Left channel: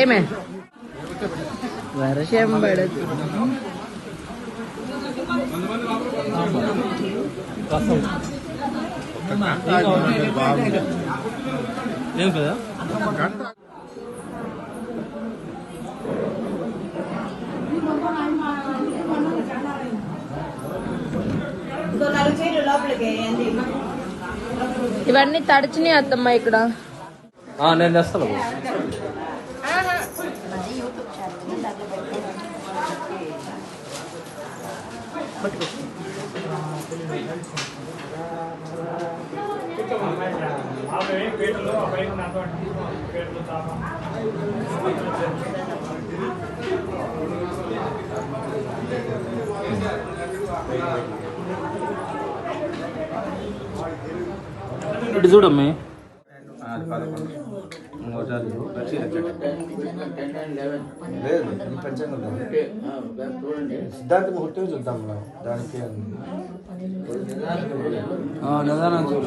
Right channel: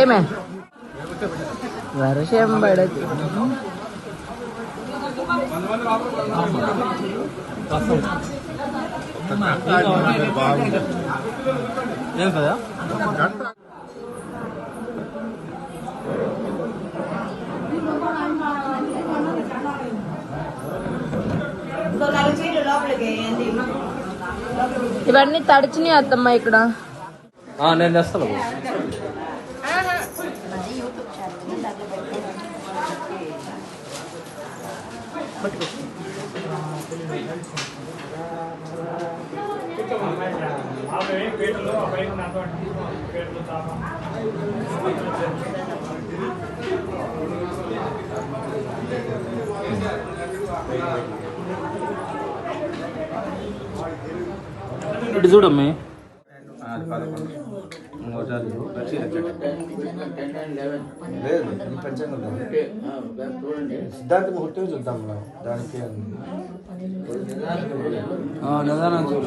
ఏమే వర్షం పడదు. ఏం కదా ఇవన్నీ తడిచినాయి అత్తమ్మ ఇక్కడ. నేను తెస్తాను. ఇటు చూడమ్మే. సిద్ధాంత ముహూర్తం చూద్దాం దానికి నిదానం చూడు.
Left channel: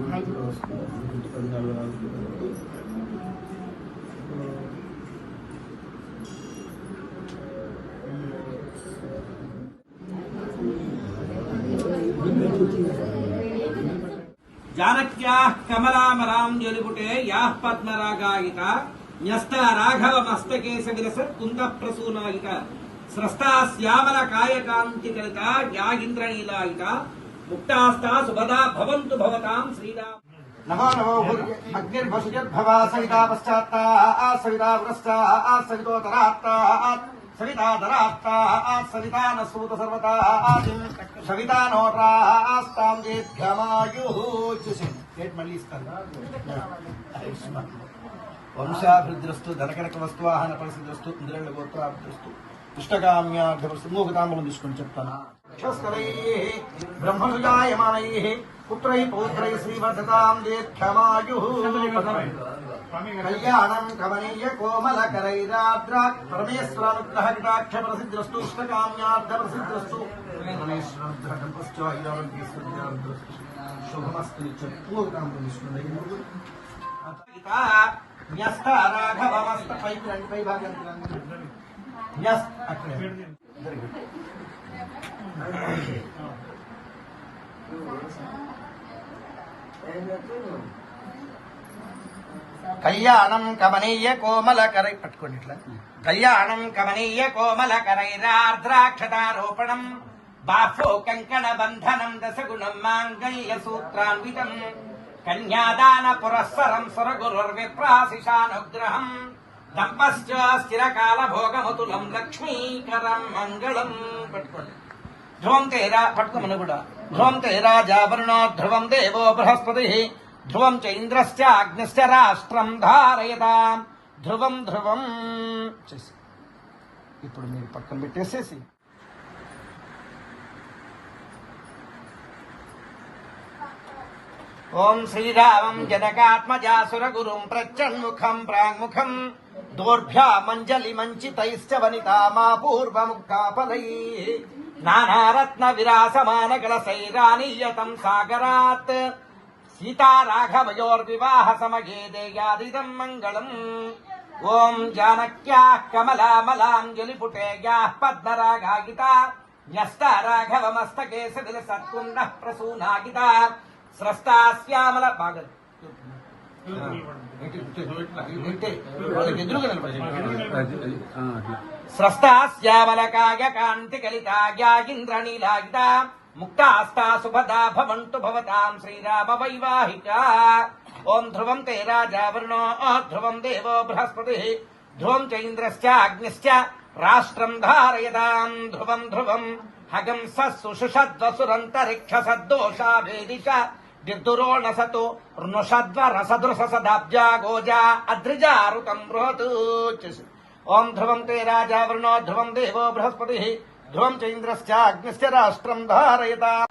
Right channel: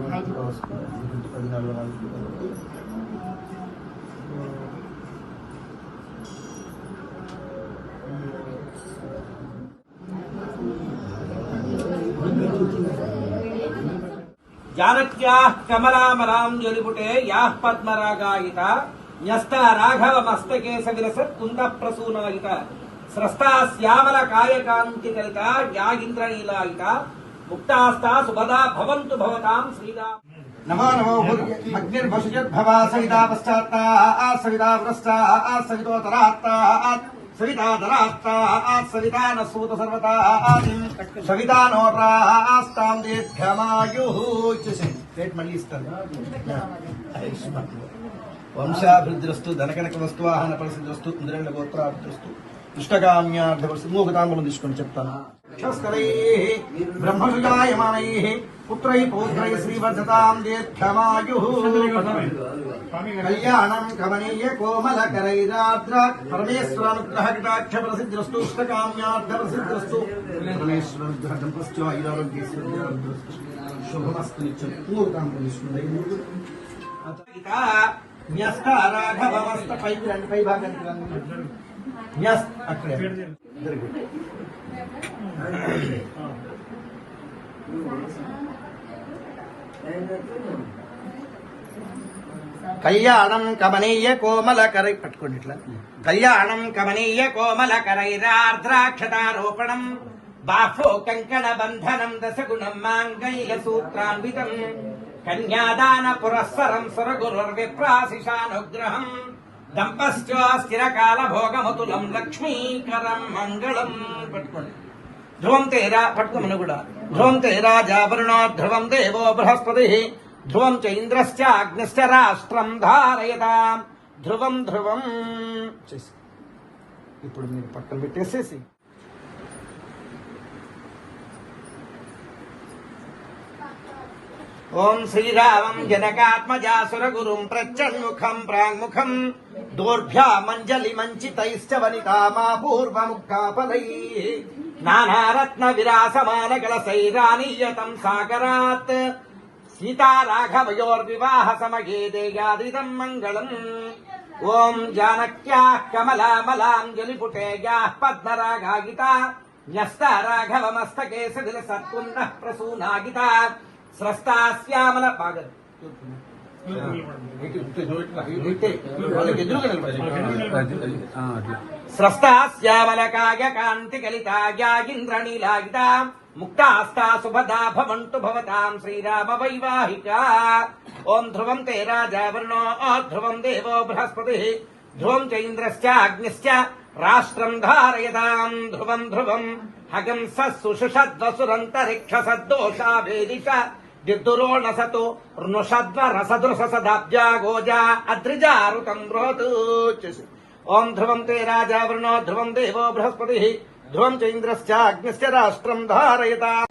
10:44 जानक्याः कमलामलां ज्वलिपुटे याः पद्मरागायिता न्यस्ता राघवमस्तके सविलसत् कुन्दप्रसूनायिता स्रस्ता श्यामलकायकान्तिकलिता यागिन्द्रनीलायिता मुक्तास्ता सुभदा भवन्तु भवतां श्रीराम। नमो नमो अग्निर्भषजद्भवा सविता पश्चात्ता सविता पुरस्ता सवितोतरात्ता सविता दरात्ता सविता न सूत सर्वता सविता नोरास्तां दीर्घमायुः मళ్ళీ ఇస్తాను. వంశాభివృద్ధిరస్తు ధనకనక వస్తు ఆహన పరిస్థితిరస్తు ఇంద్రేణ గోత్రాభివృద్ధిరస్తు ఇష్టకామ్యార్థవస్తు మూగదాములను తీసుకొని చెప్తాను. బ్రహ్మసుజాయమానైః పుత్రైః పౌత్రైః శ్రీవర్ధతాం దీర్ఘమాయుః కళ్యాణం కమనీయ కోమలకరైరాద్ర పరమేశ్వరానుగ్రహ కటాక్ష ప్రసిద్ధిరస్తు ఇష్టకామ్యార్థ ప్రసిద్ధిరస్తు పరమేశ్వరానుగ్రహ దంపస్య ఐరారోగ్యేశ్వర్య శుభమస్తు మూగదాములను తీసుకుంటే రాఘవమస్త పై భాగానికి అక్కడే కళ్యాణం కమనీయ కోమలకరై పట్టుకోండి ఇట్లా. కళ్యాణం కమనీయ కోమలకరైరార్ద్రాక్షతారోపణం బాహ్లో కంకణ బంధనం దశగుణం మాంగళ్య సూత్రాన్వితం కన్యాదాన పురస్సరం సురగురుర్విప్రాశిషానుగ్రహం దంపశ్చ స్థిరకాల భోగమతులం లక్ష్మీకరం మంగళం. పట్టుకోండి. ధ్రువం తేరా పట్టుకున్న కూడా ధ్రువం తేరాజావరుణ ధ్రువం దేవో బృహస్పతి ధ్రువం చ ఇంద్రశ్చ అగ్నిశ్చ రాష్ట్రం ధారయతాం ధ్రువం ధ్రువం చేసి ఇప్పుడు మీరు పక్కన పెట్టేసేసి ఓం శ్రీరామం జనకాత్మజాసురగురుం ప్రత్యన్ముఖం ప్రాంగుఖం దోర్భ్యామంజలి మంచితైశ్చ వనితామాపూర్వముఖాఫలై నానారత్న విరాసమాన కలశైరానీయతం సాగరాత్ సీతారాఘవయోర్వివాహ సమగే దేయాదిదం మంగళం. ఓం జానక్యాః కమలామలాం జ్వలిపుటే యాః పద్మరాగాయితా న్యస్తా రాఘవమస్తకే సవిలసత్కుండః ప్రసూనాగితా స్రస్తా శ్యామల స్రస్తా శ్యామలకాయ కాంతి కలితాయాగింద్రనీలాగితా ముక్తాస్తా సుభదా భవంతు భవతాం శ్రీరామ వైవాహిక. ఓం ధ్రువం తే రాజావరుణో ధ్రువం దేవో బృహస్పతి ధ్రువం చ ఇంద్రశ్చ అగ్నిశ్చ రాష్ట్రం ధారయతాం ధ్రువం ధ్రువం హగంస సుషుషద్వసురంతరిక్ష సద్దోషాభేదిష దిద్దురోణసతో రుణషద్వ రసదృశ సదాబ్జా గోజా అద్రిజారుకం బృహత్. ఓం ధ్రువం తే రాజా వరుణో ధ్రువం దేవో బృహస్పతి ధ్రువం చ ఇంద్రశ్చ అగ్నిశ్చ రాష్ట్రం ధారయతాం.